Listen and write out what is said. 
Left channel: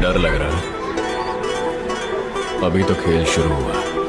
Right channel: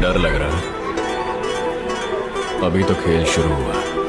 डर लग रहा है? अभी तो खेल शुरू हुआ है।